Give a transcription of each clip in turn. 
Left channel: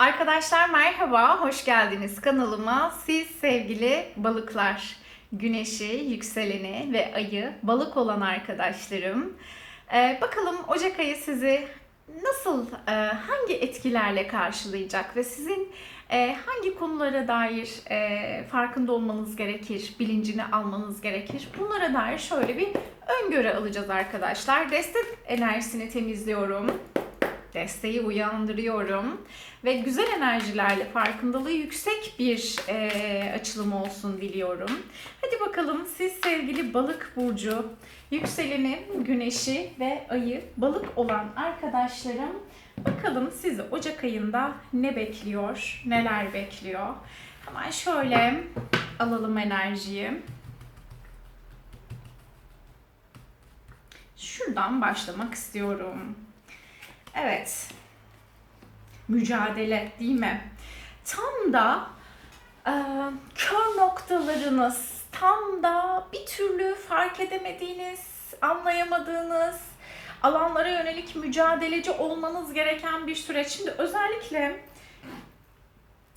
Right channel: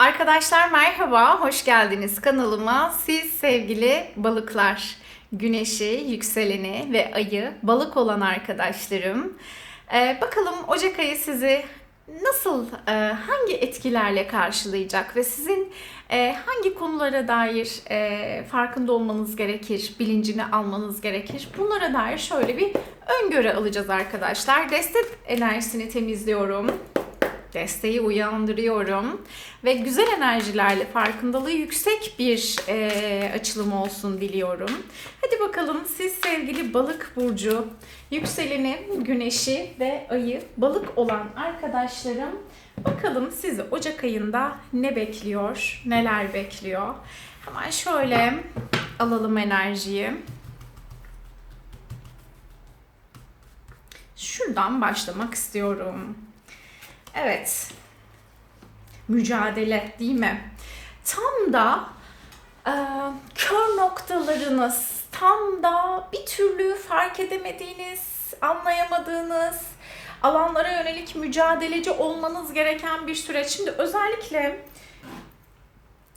Arkadaşlar merhaba, hoş geldiniz kanalıma. Siz sevgili balıklar, güneşi, yükseleni ve ayı balık olan arkadaşlarım. Ee, bakalım Ocak ayı sizi nasıl, e, hangi etkilerle karşılayacak ve sizin e, hangi konulara dair e, farkında olmanız gerekir, bilincini almanız gerekir. Bunlara dair şöyle bir öngörü alacağız arkadaşlar. Destek enerjisini temizliyorum desteği uyandırıyorum ve güzel enerjilerle farkındalığı yüksek bir e, açılım olsun diliyorum. Hadi bakalım siz sevgili balık burcu, yükseleni, güneşi ve ayı balık olan arkadaşlarım bakalım sizi Ocak ayında ne bekliyor, neler bekliyor. Hemen şöyle alalım enerjiyi. Şuradan başlamak istiyorum. Evet. Mücadele değil mi? Tam da e, kör noktalarınız, tam da bir türlü fark edemediğiniz, anlayamadığınız alanlara yönelik mücadeleci olmanız gereken bir süreç. Şimdi özellikle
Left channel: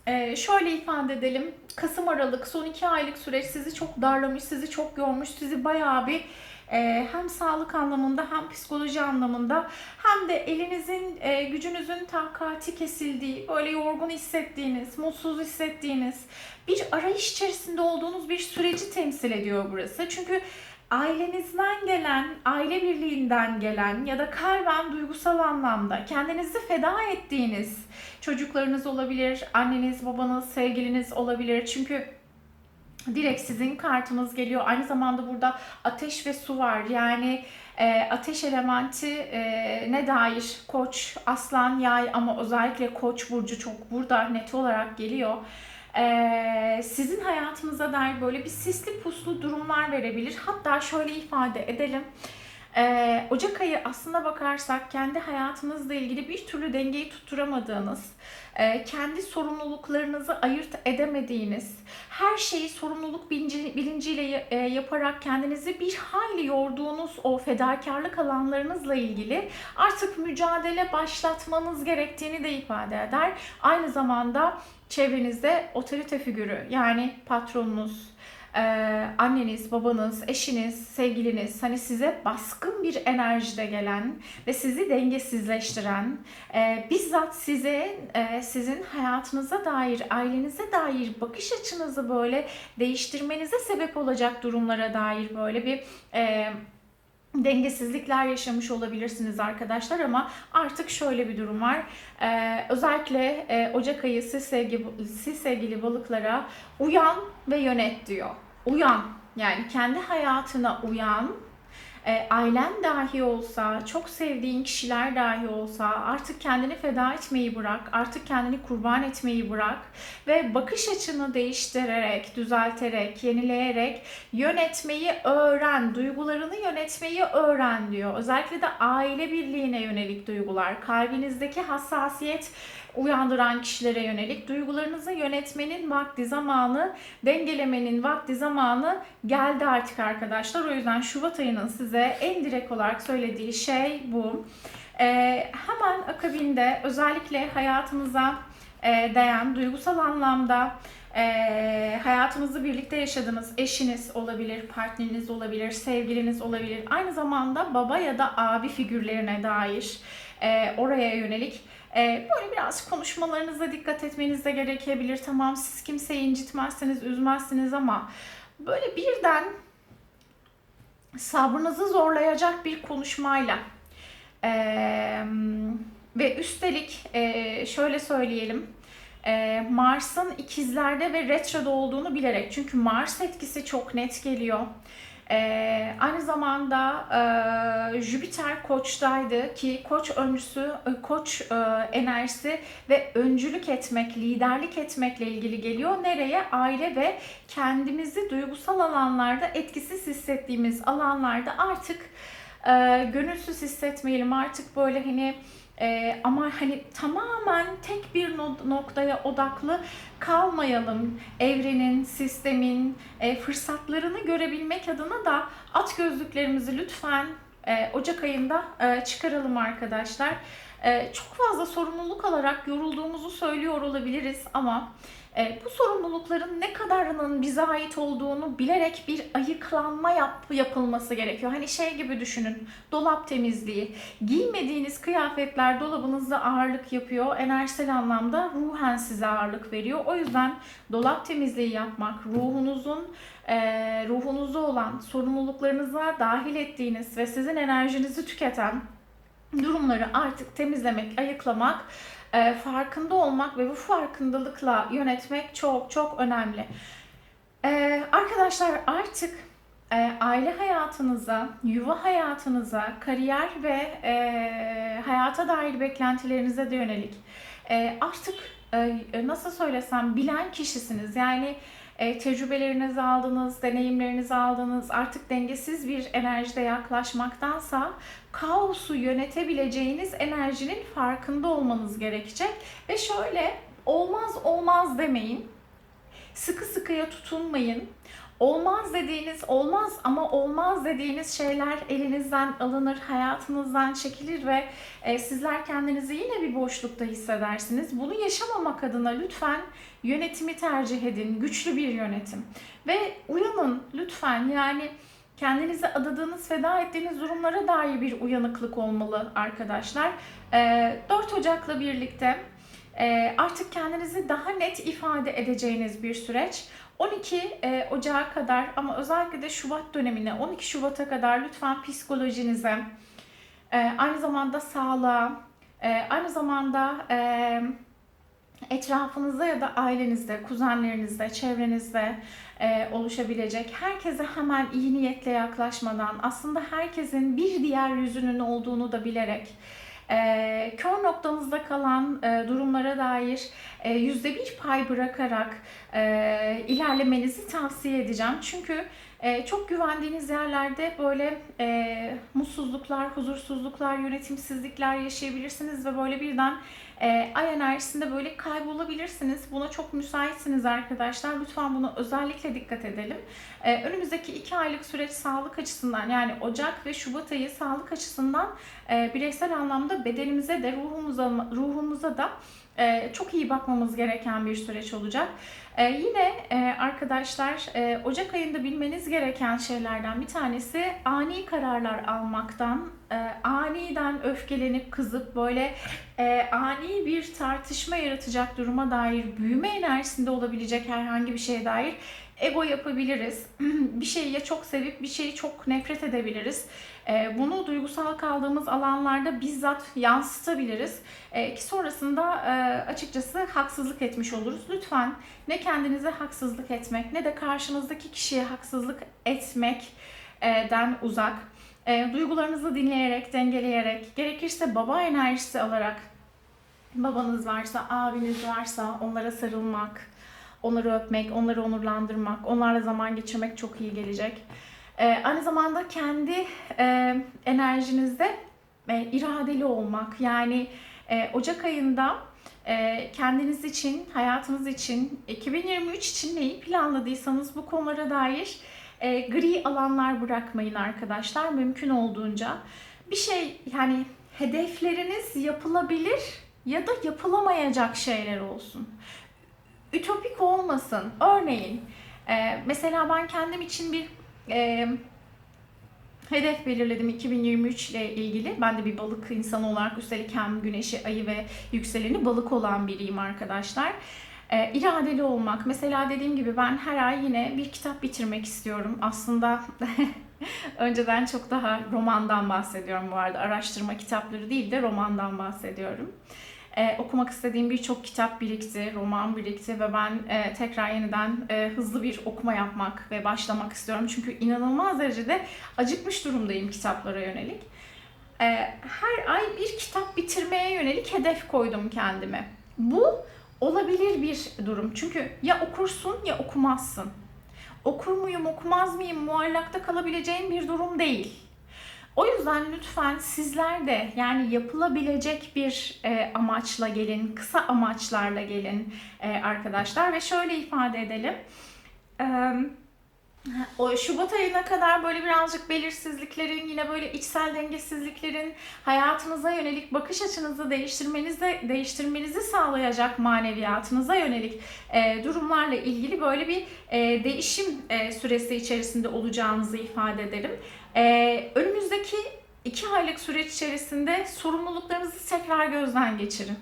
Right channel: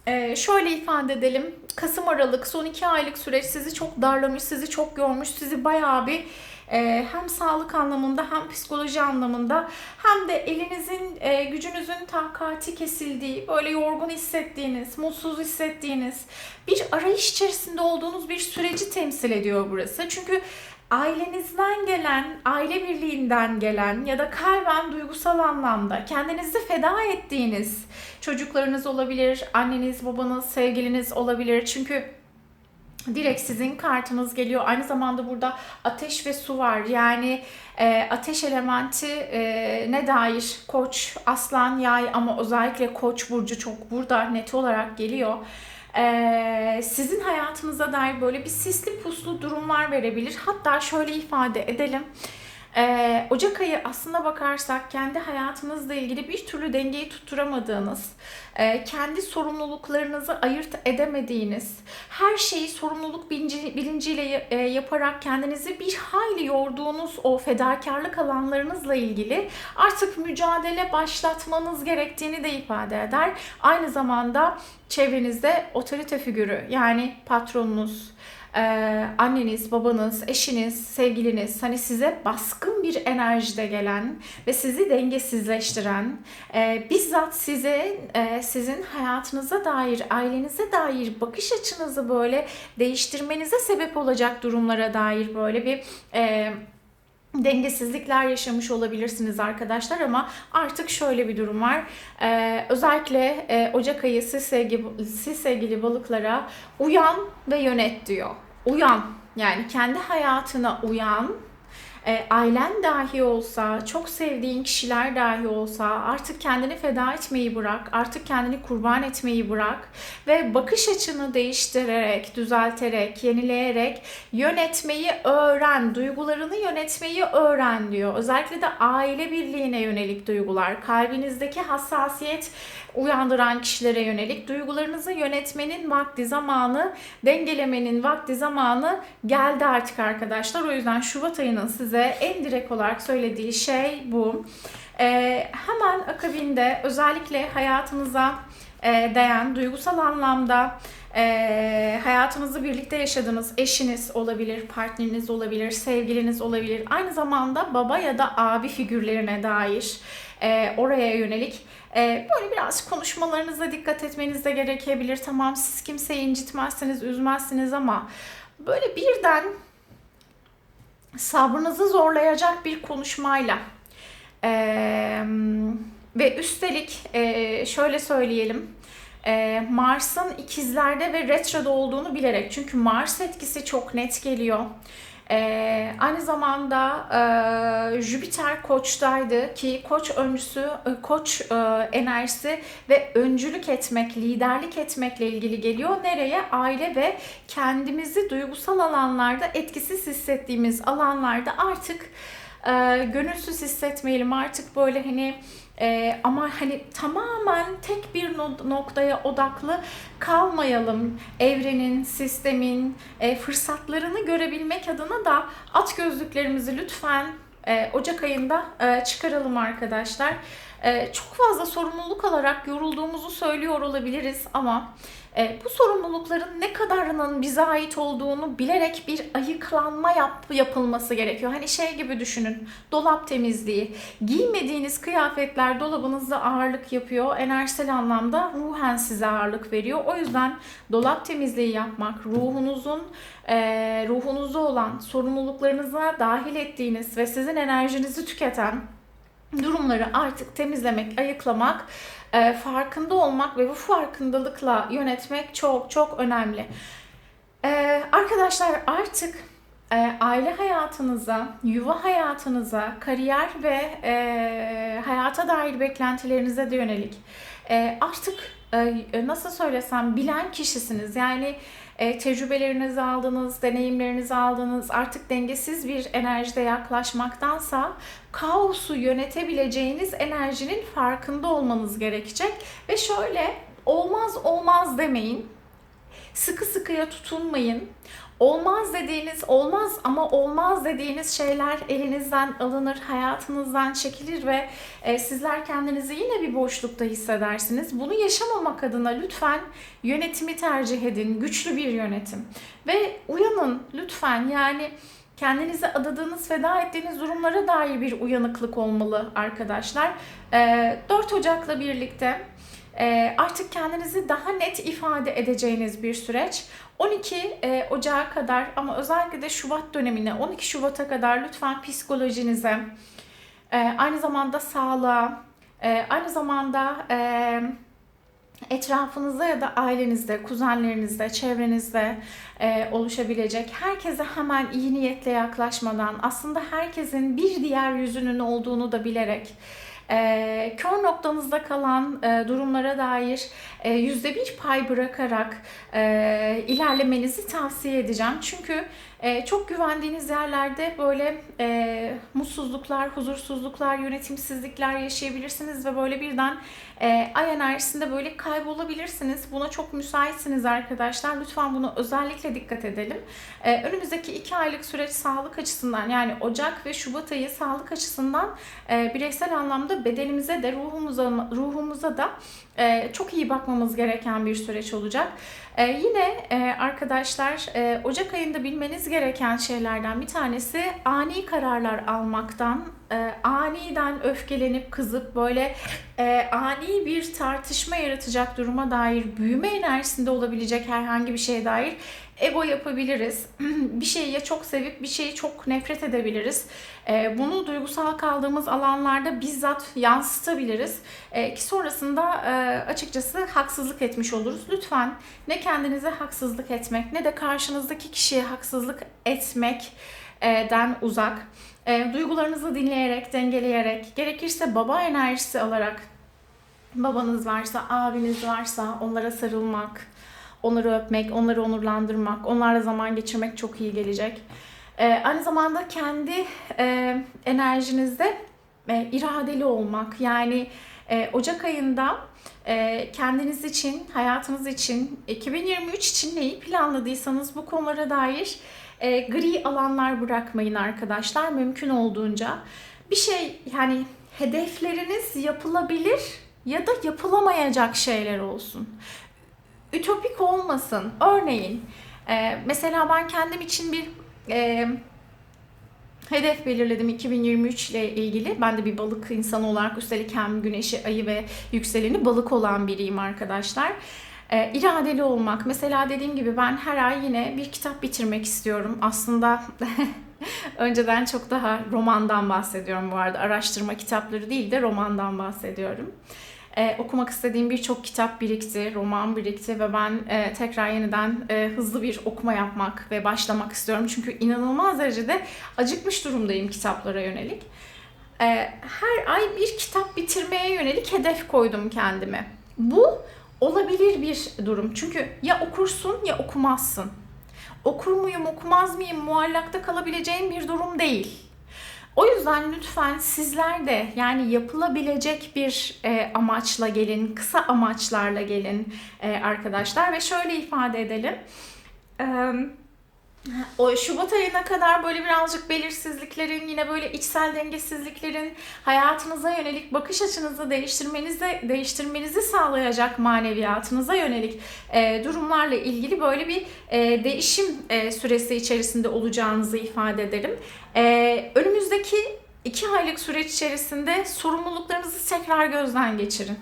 e, şöyle ifade edelim. Kasım Aralık son iki aylık süreç sizi çok darlamış, sizi çok yormuş, sizi bayağı bir e, hem sağlık anlamında hem psikoloji anlamında hem de elinizin e, gücünüzün takati kesildiği, böyle yorgun hissettiğiniz, mutsuz hissettiğiniz bir arayış içerisinde olduğunuz bir süreci temsil ediyor burası. Çünkü ailenizden gelen, aile birliğinden gelen ya da kalben duygusal anlamda kendinizi feda ettiğiniz çocuklarınız olabilir, anneniz, babanız, sevgiliniz olabilir. Çünkü direkt sizin kartınız geliyor. Aynı zamanda burada ateş ve su var. Yani e, ateş elementi e, ne dair koç, aslan, yay ama özellikle koç burcu çok burada net olarak geliyor. E, sizin hayatınıza dair böyle bir sisli puslu durumlar verebilir. Hatta şöyle ifade edelim. Ee, Ocak ayı aslına bakarsak kendi hayatınızla ilgili bir türlü dengeyi tutturamadığınız, e, kendi sorumluluklarınızı ayırt edemediğiniz, her şeyi sorumluluk bilinci, bilinciyle e, yaparak kendinizi bir hayli yorduğunuz o fedakarlık alanlarınızla ilgili artık mücadele başlatmanız gerektiğini de ifade eder. Aynı zamanda çevrenizde otorite figürü yani patronunuz, ee, anneniz, babanız, eşiniz, sevgiliniz hani size baskın bir enerjide gelen ve sizi dengesizleştiren, e, bizzat size e, sizin hayatınıza dair, ailenize dair bakış açınızı böyle değiştirmenize sebep olacak durumlara dair böyle bir e, dengesizlikler yaşamış olabilirsiniz arkadaşlar ama artık şöyle bir durum var. Ee, özellikle e, Ocak ayı siz sevgili, siz sevgili balıklara uyan ve yönet diyor. Uyan yani kendi hayatına uyan e, ailen dahi olsa, çok sevdiğin kişiler dahi olsa artık kendini feda etmeyi bırak, artık kendini kurban etmeyi bırak ve bakış açını değiştirerek, düzelterek, yenileyerek yönetmeyi öğren, duygularını yönetmeyi öğren diyor. Özellikle de aile birliğine yönelik duygular, kalbinizdeki hassasiyet uyandıran kişilere yönelik duygularınızı yönetmenin vakti zamanı, dengelemenin vakti zamanı geldi artık arkadaşlar. O yüzden Şubat ayının size en direkt olarak söylediği şey bu. Ee, hemen akabinde özellikle hayatınıza e, değen duygusal anlamda e, hayatınızı birlikte yaşadığınız eşiniz olabilir, partneriniz olabilir, sevgiliniz olabilir. Aynı zamanda baba ya da abi figürlerine dair e, oraya yönelik e, böyle biraz konuşmalarınıza dikkat etmeniz de gerekebilir. Tamam siz kimseyi incitmezsiniz, üzmezsiniz ama böyle birden sabrınızı zorlayacak bir konuşmayla e, ve üstelik e, şöyle söyleyelim e, Mars'ın ikizlerde ve retroda olduğunu bilerek çünkü Mars etkisi çok net geliyor. Ee, aynı zamanda e, Jüpiter koçtaydı ki koç öncüsü, e, koç e, enerjisi ve öncülük etmek, liderlik etmekle ilgili geliyor. Nereye? Aile ve kendimizi duygusal alanlarda etkisiz hissettiğimiz alanlarda artık e, gönülsüz hissetmeyelim. Artık böyle hani ee, ama hani tamamen tek bir noktaya odaklı kalmayalım. Evrenin, sistemin e, fırsatlarını görebilmek adına da at gözlüklerimizi lütfen e, Ocak ayında e, çıkaralım arkadaşlar. E, çok fazla sorumluluk alarak yorulduğumuzu söylüyor olabiliriz ama e, bu sorumlulukların ne kadarının bize ait olduğunu bilerek bir ayıklanma yap, yapılması gerekiyor. Hani şey gibi düşünün, dolap temizliği. Giymediğiniz kıyafetler dolabınızda ağırlık yapıyor. Enerjisel anlamda ruhen size ağırlık veriyor. O yüzden dolap temizliği yapmak, ruhunuzun e, ruhunuzda olan sorumluluklarınıza dahil ettiğiniz ve sizin enerjinizi tüketen durumları artık temizlemek, ayıklamak, e, farkında olmak ve bu farkındalıkla yönetmek çok çok önemli. E, arkadaşlar artık e, aile hayatınıza, yuva hayatınıza, kariyer ve hayata dair beklentilerinize de yönelik artık nasıl söylesem bilen kişisiniz. Yani e, tecrübelerinizi aldınız, deneyimlerinizi aldınız. Artık dengesiz bir enerjide yaklaşmaktansa kaosu yönetebileceğiniz enerjinin farkında olmanız gerekecek. Ve şöyle olmaz olmaz demeyin. Sıkı sıkıya tutunmayın. Olmaz dediğiniz olmaz ama olmaz dediğiniz şeyler elinizden alınır, hayatınızdan çekilir ve e, sizler kendinizi yine bir boşlukta hissedersiniz. Bunu yaşamamak adına lütfen yönetimi tercih edin, güçlü bir yönetim. Ve uyanın lütfen yani kendinizi adadığınız, feda ettiğiniz durumlara dair bir uyanıklık olmalı arkadaşlar. E, 4 Ocak'la birlikte artık kendinizi daha net ifade edeceğiniz bir süreç. 12 e, Ocağı kadar ama özellikle de Şubat dönemine 12 Şubat'a kadar lütfen psikolojinize, e, aynı zamanda sağlığa, e, aynı zamanda etrafınızda ya da ailenizde, kuzenlerinizde, çevrenizde oluşabilecek herkese hemen iyi niyetle yaklaşmadan aslında herkesin bir diğer yüzünün olduğunu da bilerek e, kör noktanızda kalan e, durumlara dair e, yüzde bir pay bırakarak e, ilerlemenizi tavsiye edeceğim. Çünkü e, çok güvendiğiniz yerlerde böyle e, mutsuzluklar, huzursuzluklar, yönetimsizlikler yaşayabilirsiniz ve böyle birden e, ay enerjisinde böyle kaybolabilirsiniz. Buna çok müsaitsiniz arkadaşlar. Lütfen buna özellikle dikkat edelim. E, önümüzdeki iki aylık süreç sağlık açısından yani Ocak ve Şubat ayı sağlık açısından e, bireysel anlamda bedenimize de ruhumuza, ruhumuza da e, çok iyi bakmamız gereken bir süreç olacak. Ee, yine e, arkadaşlar e, Ocak ayında bilmeniz gereken şeylerden bir tanesi ani kararlar almaktan, e, aniden öfkelenip kızıp böyle e, ani bir tartışma yaratacak duruma dair büyüme enerjisinde olabilecek herhangi bir şeye dair ego yapabiliriz. bir şeyi ya çok sevip bir şeyi çok nefret edebiliriz. E, bunu duygusal kaldığımız alanlarda bizzat yansıtabiliriz. E, ki sonrasında e, açıkçası haksızlık etmiş oluruz. Lütfen ne kendinize haksızlık etmek ne de karşınızdaki kişiye haksızlık etmekten uzak. Duygularınızı dinleyerek, dengeleyerek, gerekirse baba enerjisi alarak babanız varsa, abiniz varsa onlara sarılmak, onları öpmek, onları onurlandırmak, onlarla zaman geçirmek çok iyi gelecek. Ee, aynı zamanda kendi e, enerjinizde e, iradeli olmak. Yani e, Ocak ayında e, kendiniz için, hayatınız için, 2023 için neyi planladıysanız bu konulara dair e, gri alanlar bırakmayın arkadaşlar mümkün olduğunca. Bir şey yani hedefleriniz yapılabilir ya da yapılamayacak şeyler olsun. Ütopik olmasın. Örneğin e, mesela ben kendim için bir e, hedef belirledim 2023 ile ilgili. Ben de bir balık insanı olarak üstelik hem güneşi, ayı ve yükseleni balık olan biriyim arkadaşlar. E, iradeli olmak. Mesela dediğim gibi ben her ay yine bir kitap bitirmek istiyorum. Aslında önceden çok daha romandan bahsediyorum bu arada. Araştırma kitapları değil de romandan bahsediyorum. Ee, okumak istediğim birçok kitap birikti, roman birikti ve ben e, tekrar yeniden e, hızlı bir okuma yapmak ve başlamak istiyorum. Çünkü inanılmaz derecede acıkmış durumdayım kitaplara yönelik. E, her ay bir kitap bitirmeye yönelik hedef koydum kendime. Bu olabilir bir durum. Çünkü ya okursun ya okumazsın. Okur muyum, okumaz mıyım muallakta kalabileceğim bir durum değil. O yüzden lütfen sizler de yani yapılabilecek bir e, amaçla gelin, kısa amaçlarla gelin e, arkadaşlar ve şöyle ifade edelim. E, O Şubat ayına kadar böyle birazcık belirsizliklerin, yine böyle içsel dengesizliklerin hayatınıza yönelik bakış açınızı değiştirmenize değiştirmenizi sağlayacak maneviyatınıza yönelik e, durumlarla ilgili böyle bir e, değişim e, süresi içerisinde olacağınızı ifade ederim. E, önümüzdeki iki aylık süreç içerisinde sorumluluklarınızı tekrar gözden geçirin.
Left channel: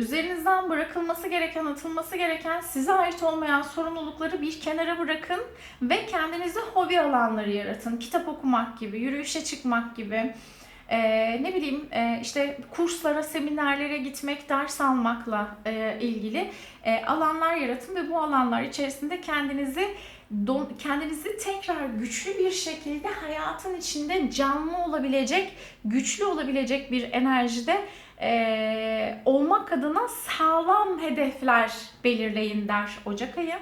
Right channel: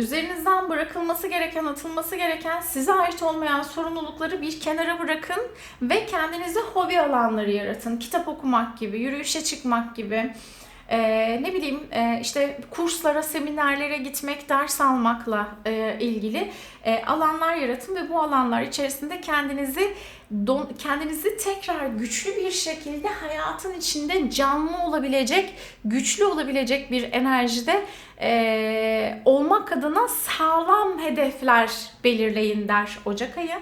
Üzerinizden bırakılması gereken, atılması gereken size ait olmayan sorumlulukları bir kenara bırakın ve kendinize hobi alanları yaratın. Kitap okumak gibi, yürüyüşe çıkmak gibi, ee, ne bileyim e, işte kurslara, seminerlere gitmek, ders almakla e, ilgili e, alanlar yaratın ve bu alanlar içerisinde kendinizi don, kendinizi tekrar güçlü bir şekilde hayatın içinde canlı olabilecek, güçlü olabilecek bir enerjide e, olmak adına sağlam hedefler belirleyin der Ocak ayı.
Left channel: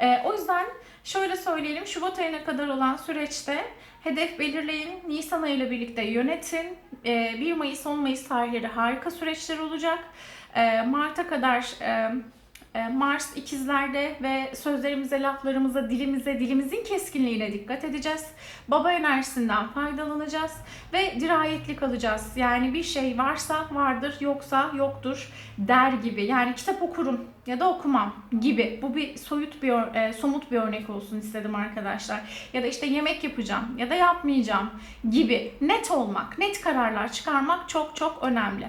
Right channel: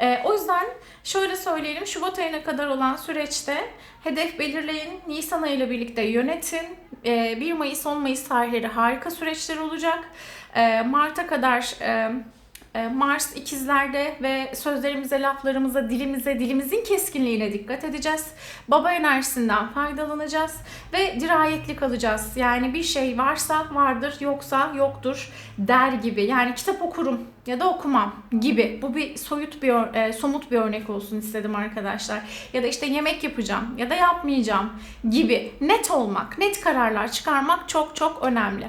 E, o yüzden şöyle söyleyelim Şubat ayına kadar olan süreçte hedef belirleyin, Nisan ayı ile birlikte yönetin. E, 1 Mayıs 10 Mayıs tarihleri harika süreçler olacak. E, Mart'a kadar e, Mars ikizlerde ve sözlerimize, laflarımıza, dilimize, dilimizin keskinliğine dikkat edeceğiz. Baba enerjisinden faydalanacağız ve dirayetli kalacağız. Yani bir şey varsa vardır, yoksa yoktur der gibi. Yani kitap okurum ya da okumam gibi. Bu bir soyut bir, e, somut bir örnek olsun istedim arkadaşlar. Ya da işte yemek yapacağım ya da yapmayacağım gibi. Net olmak, net kararlar çıkarmak çok çok önemli.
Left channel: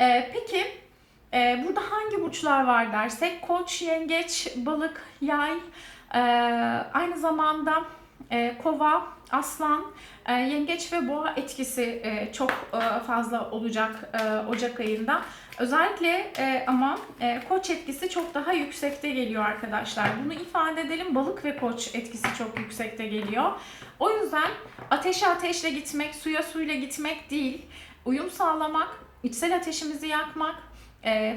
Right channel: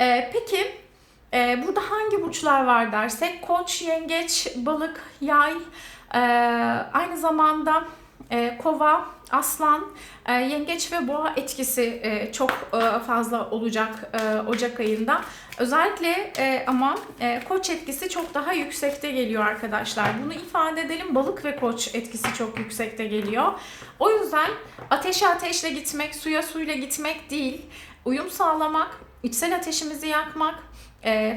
E, peki ee, burada hangi burçlar var dersek koç, yengeç, balık, yay, ee, aynı zamanda e, kova, aslan, e, yengeç ve boğa etkisi e, çok e, fazla olacak e, Ocak ayında. Özellikle e, ama e, koç etkisi çok daha yüksekte geliyor arkadaşlar. Bunu ifade edelim. Balık ve koç etkisi çok yüksekte geliyor. O yüzden ateşe ateşle gitmek, suya suyla gitmek değil. Uyum sağlamak, içsel ateşimizi yakmak, e,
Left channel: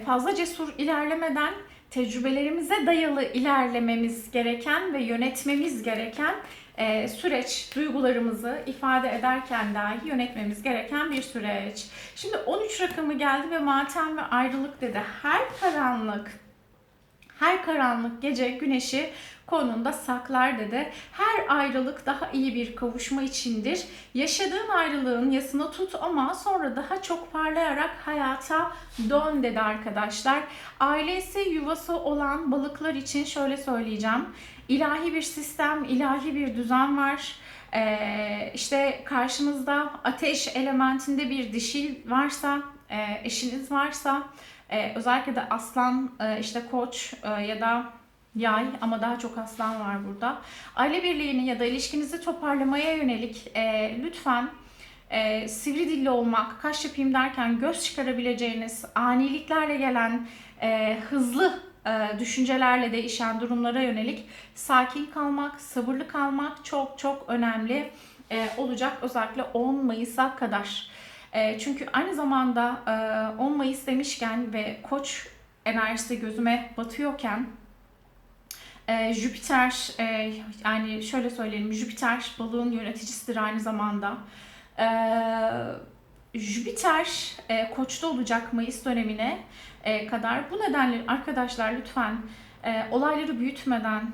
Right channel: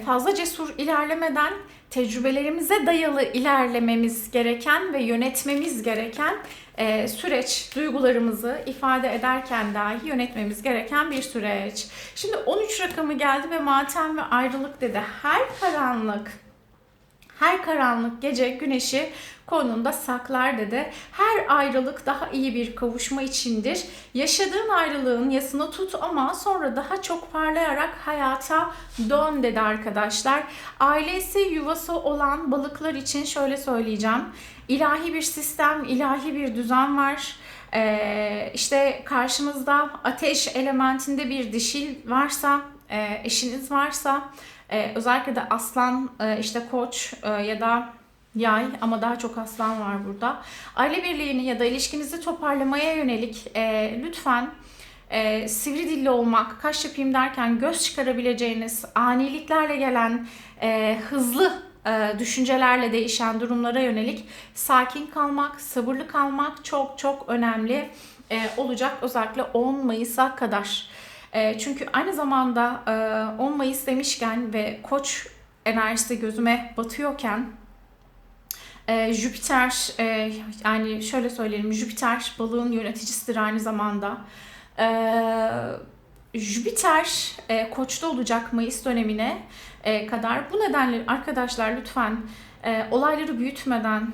fazla cesur ilerlemeden tecrübelerimize dayalı ilerlememiz gereken ve yönetmemiz gereken e, süreç, duygularımızı ifade ederken dahi yönetmemiz gereken bir süreç. Şimdi 13 rakamı geldi ve matem ve ayrılık dedi. Her karanlık her karanlık gece güneşi konunda saklar dedi. Her ayrılık daha iyi bir kavuşma içindir. Yaşadığın ayrılığın yasını tut ama sonra daha çok parlayarak hayata dön dedi arkadaşlar. Ailesi yuvası olan balıklar için şöyle söyleyeceğim. İlahi bir sistem, ilahi bir düzen var. Ee, işte karşımızda ateş elementinde bir dişil varsa, e, eşiniz varsa, e, özellikle de aslan, e, işte koç e, ya da yay ama daha çok aslan var burada. Aile birliğini ya da ilişkinizi toparlamaya yönelik e, lütfen e, sivri dilli olmak, kaş yapayım derken göz çıkarabileceğiniz aniliklerle gelen e, hızlı e, düşüncelerle değişen durumlara yönelik sakin kalmak, sabırlı kalmak çok çok önemli e, olacak özellikle 10 Mayıs'a kadar. E, çünkü aynı zamanda e, 10 Mayıs demişken ve Koç enerjisi gözüme batıyorken e, Jüpiter e, yani şöyle söyleyelim Jüpiter balığın yöneticisidir aynı zamanda. E, Jüpiter Koç'ta olacak Mayıs dönemine kadar. Bu nedenle arkadaşlar lütfen olayları büyütmeden,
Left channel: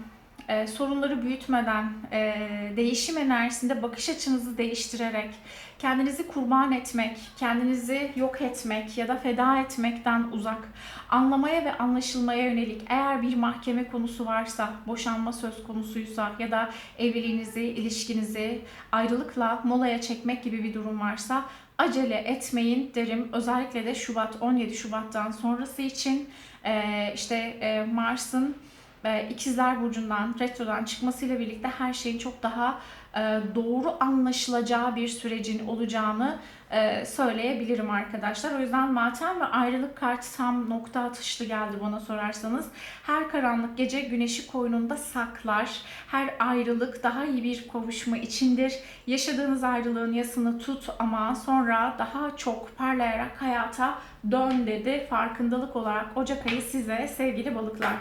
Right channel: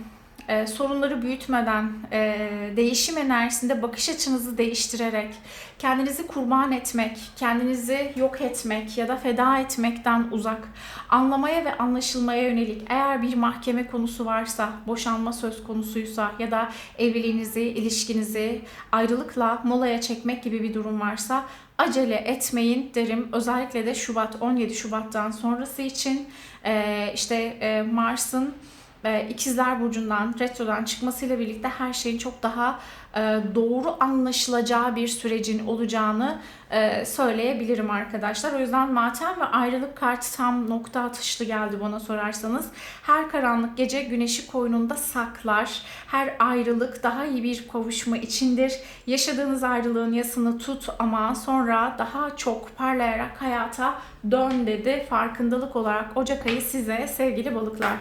e, sorunları büyütmeden, e, değişim enerjisinde bakış açınızı değiştirerek, kendinizi kurban etmek, kendinizi yok etmek ya da feda etmekten uzak, anlamaya ve anlaşılmaya yönelik eğer bir mahkeme konusu varsa, boşanma söz konusuysa ya da evliliğinizi, ilişkinizi ayrılıkla molaya çekmek gibi bir durum varsa acele etmeyin derim. Özellikle de Şubat 17 Şubat'tan sonrası için e, işte e, Mars'ın e, İkizler Burcu'ndan, retrodan çıkmasıyla birlikte her şeyin çok daha e, doğru anlaşılacağı bir sürecin olacağını e, söyleyebilirim arkadaşlar. O yüzden matem ve ayrılık kartı tam nokta atışlı geldi bana sorarsanız. Her karanlık gece güneşi koynunda saklar. Her ayrılık daha iyi bir kavuşma içindir. Yaşadığınız ayrılığın yasını tut ama sonra daha çok parlayarak hayata dön dedi. Farkındalık olarak Ocak ayı size sevgili balıklar.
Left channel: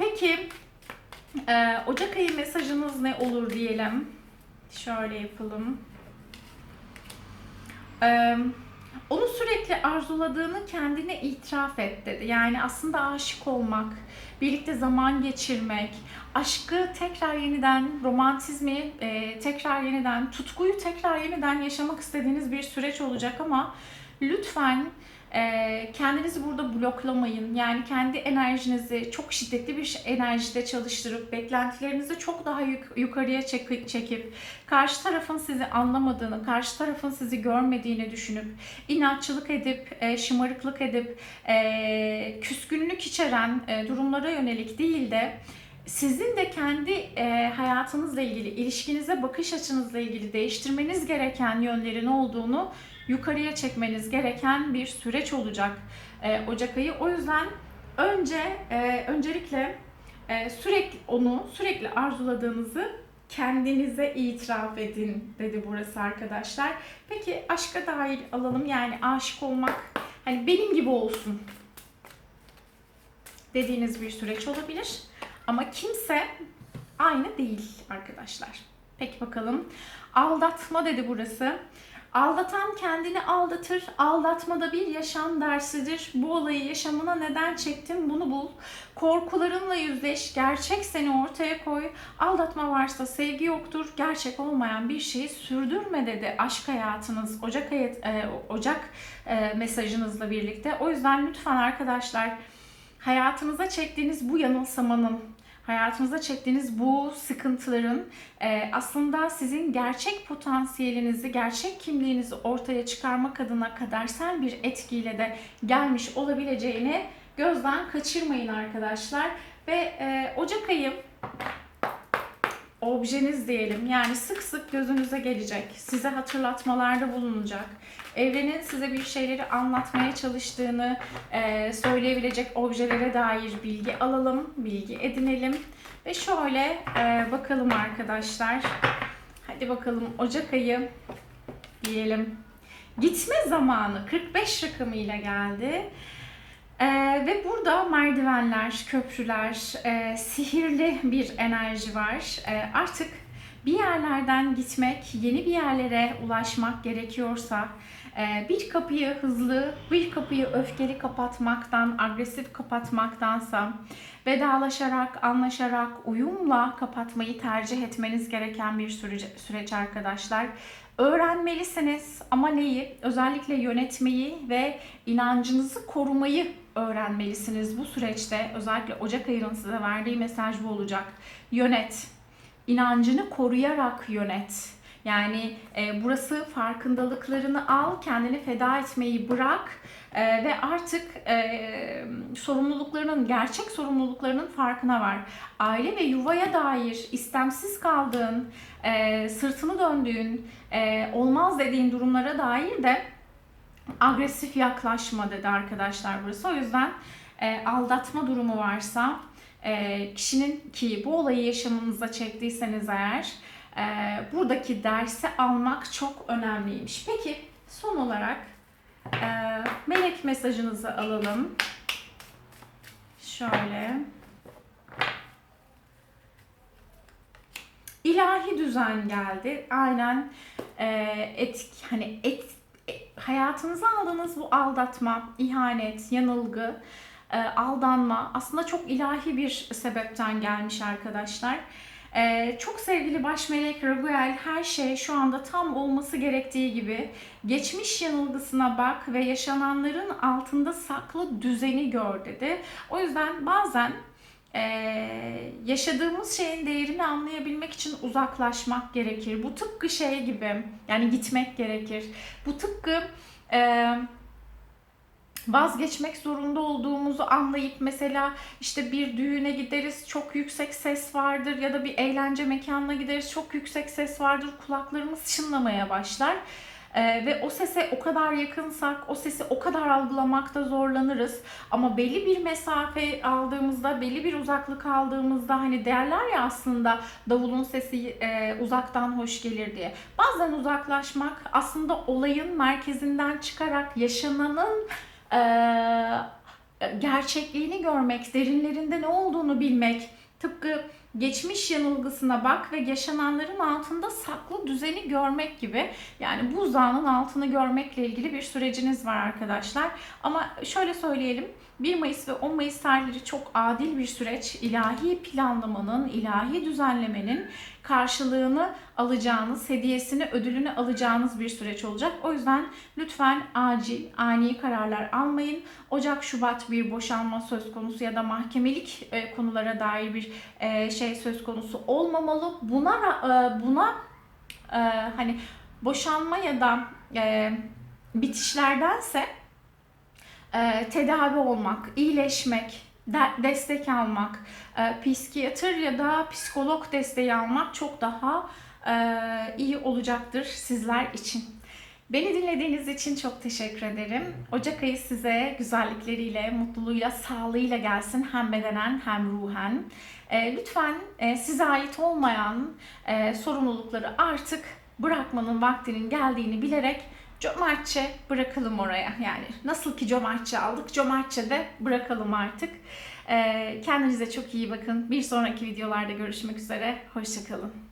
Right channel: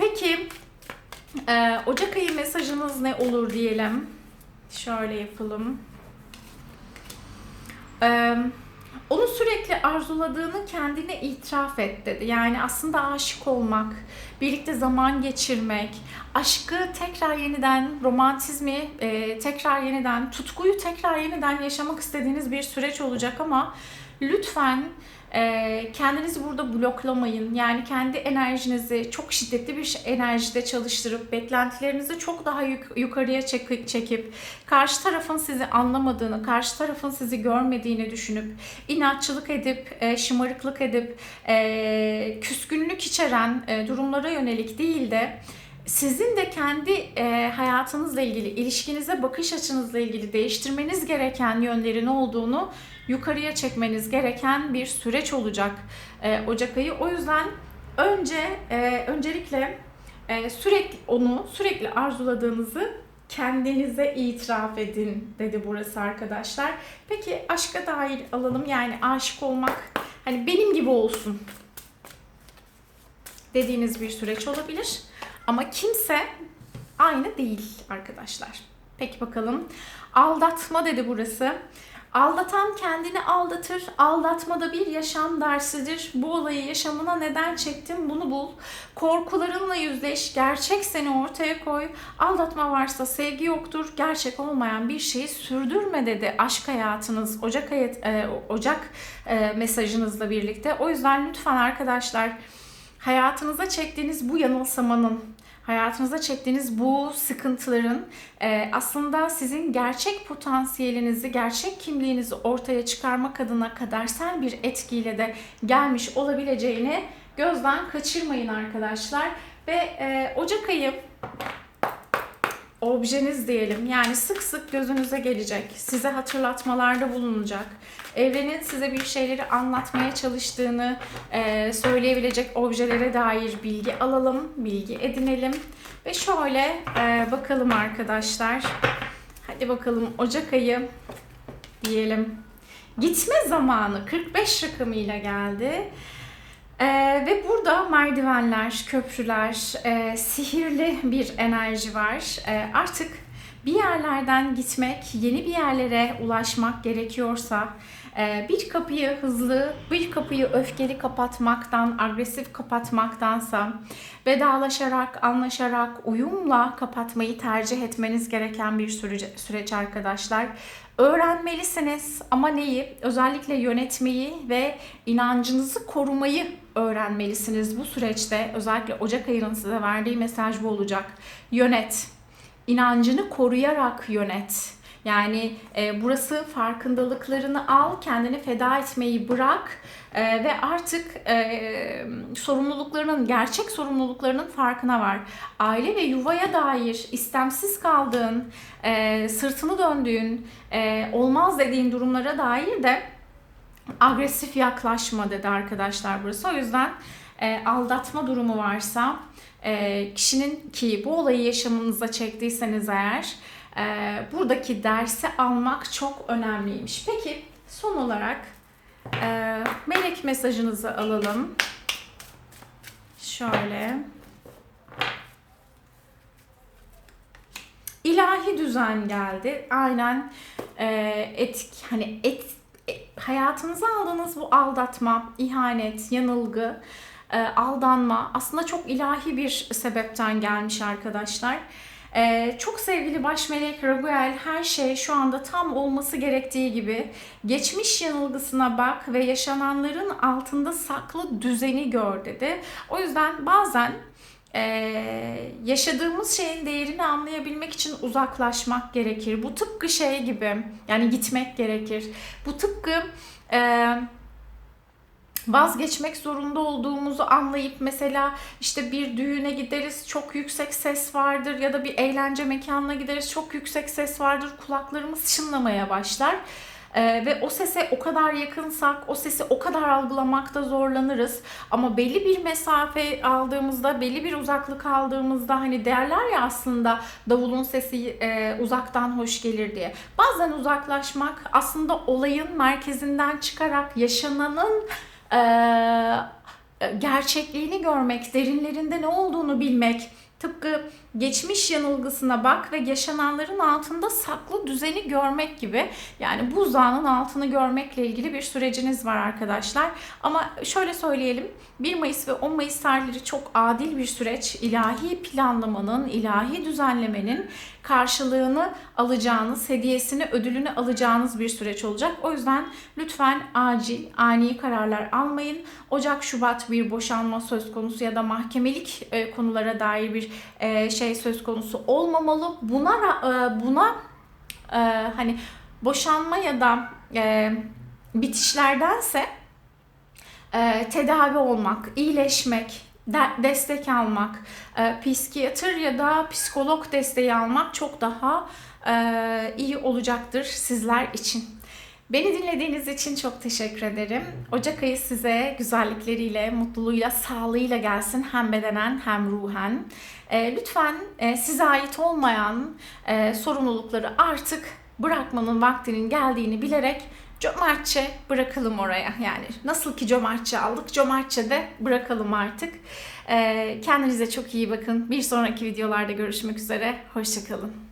Peki e, Ocak ayı mesajınız ne olur diyelim. Şöyle yapalım. E, onu sürekli arzuladığını kendine itiraf et dedi. Yani aslında aşık olmak, birlikte zaman geçirmek, aşkı tekrar yeniden, romantizmi e, tekrar yeniden, tutkuyu tekrar yeniden yaşamak istediğiniz bir süreç olacak ama lütfen kendinizi burada bloklamayın. Yani kendi enerjinizi çok şiddetli bir enerjide çalıştırıp beklentilerinizi çok daha yuk- yukarıya çek- çekip karşı tarafın sizi anlamadığını, karşı tarafın sizi görmediğini düşünüp inatçılık edip, e, şımarıklık edip, e, küskünlük içeren e, durumlara yönelik değil de sizin de kendi e, hayatınızla ilgili, ilişkinize bakış açınızla ilgili değiştirmeniz gereken yönlerin olduğunu yukarıya çekmeniz gereken bir süreç olacak e, Ocak ayı. O yüzden önce e, öncelikle e, sürekli onu sürekli arzuladığınızı kendinize itiraf edin dedi burası arkadaşlar. Peki aşka dair alalım yani aşık olmak hani benim gibi olsun dediğiniz bir süreç olabilir. Ama kimse aynı değil arkadaşlar. Peki bakalım. Aldatma dedi burası. Aldatan kendini aldatır. Aldatma da bir yaşam dersidir. Bu olayı yaşamına neden çektin bunu bul. Korkularınla yüzleş. Gerçek seni ortaya koy. Aldatma varsa sevgi yoktur. Gerçek olmayan bir şeyi sürdürme dedi aşk hayatınız Ocak ayı, e, Ocak e, mesajınızla birlikte. O yüzden lütfen arkadaşlar hayatınıza çektiğiniz bu yanılsamanın, hayatınıza çektiğiniz bu sıkıntıların e, aslında sizin gerçek potansiyelinizi, gerçek kimliğinizi ortaya çıkarmak adına kadersel bir etkiyle de gelmiş olabileceğini gözden kaçırmayın arkadaşlar. Ve e, Ocak ayı objeniz diyelim yani sık sık gözünüze gelecek, size hatırlatmalarda bulunacak. Evrenin size bir şeyleri anlatmaya çalıştığını e, söyleyebilecek objelere dair bilgi alalım, bilgi edinelim. Ve şöyle e, bakalım arkadaşlar. Hadi bakalım Ocak ayı diyelim. Gitme zamanı 45 rakamıyla geldi. Ee, ve burada merdivenler, köprüler, e, sihirli bir enerji var. E, artık bir yerlerden gitmek, yeni bir yerlere ulaşmak gerekiyorsa, e, bir kapıyı hızlı, bir kapıyı öfkeli kapatmaktan, agresif kapatmaktansa, vedalaşarak, anlaşarak, uyumla kapatmayı tercih etmeniz gereken bir süreç, süreç arkadaşlar. Öğrenmelisiniz ama neyi? Özellikle yönetmeyi ve inancınızı korumayı öğrenmelisiniz bu süreçte. Özellikle Ocak ayının size verdiği mesaj bu olacak. Yönet. İnancını koruyarak yönet. Yani e, burası farkındalıklarını al, kendini feda etmeyi bırak e, ve artık e, sorumluluklarının, gerçek sorumluluklarının farkına var. Aile ve yuvaya dair istemsiz kaldığın, e, sırtını döndüğün, e, olmaz dediğin durumlara dair de agresif yaklaşma dedi arkadaşlar burası. O yüzden e, aldatma durumu varsa e, kişinin ki bu olayı yaşamınıza çektiyseniz eğer e, buradaki dersi almak çok önemliymiş. Peki son olarak e, melek mesajınızı alalım. Şöyle. İlahi düzen geldi. Aynen e, etik hani et, e, hayatınıza aldığınız bu aldatma, ihanet, yanılgı, e, aldanma aslında çok ilahi bir sebepten gelmiş arkadaşlar. Ee, çok sevgili baş melek Raguel her şey şu anda tam olması gerektiği gibi geçmiş yanılgısına bak ve yaşananların altında saklı düzeni gör dedi. O yüzden bazen ee, yaşadığımız şeyin değerini anlayabilmek için uzaklaşmak gerekir. Bu tıpkı şey gibi yani gitmek gerekir. Bu tıpkı e, vazgeçmek zorunda olduğumuzu anlayıp mesela işte bir düğüne gideriz çok yüksek ses vardır ya da bir eğlence mekanına gideriz çok yüksek ses vardır kulaklarımız çınlamaya başlar. Ee, ve o sese o kadar yakınsak, o sesi o kadar algılamakta zorlanırız. Ama belli bir mesafe aldığımızda, belli bir uzaklık aldığımızda hani derler ya aslında davulun sesi e, uzaktan hoş gelir diye. Bazen uzaklaşmak aslında olayın merkezinden çıkarak yaşananın gerçekliğini görmek, derinlerinde ne olduğunu bilmek, tıpkı geçmiş yanılgısına bak ve yaşananların altında saklı düzeni görmek gibi. Yani buzdağının altını görmekle ilgili bir süreciniz var arkadaşlar. Ama şöyle söyleyelim. 1 Mayıs ve 10 Mayıs tarihleri çok adil bir süreç. İlahi planlamanın, ilahi düzenlemenin karşılığını alacağınız, hediyesini, ödülünü alacağınız bir süreç olacak. O yüzden lütfen acil, ani kararlar almayın. Ocak, Şubat bir boşanma söz konusu ya da mahkemelik e, konulara dair bir e, şey söz konusu olmamalı. Buna e, buna hani boşanma ya da bitişlerdense tedavi olmak, iyileşmek, de- destek almak, e, psikiyatr ya da psikolog desteği almak çok daha e, iyi olacaktır sizler için. Beni dinlediğiniz için çok teşekkür ederim. Ocak ayı size güzellikleriyle, mutluluğuyla, sağlığıyla gelsin hem bedenen hem ruhen. E, lütfen e, size ait olmayan e, sorumlulukları artık bırakmanın vaktinin geldiğini bilerek cömertçe bırakalım oraya. Yani nasıl ki cömertçe aldık, cömertçe de bırakalım artık. E, kendinize çok iyi bakın. Bir sonraki videolarda görüşmek üzere. Hoşçakalın.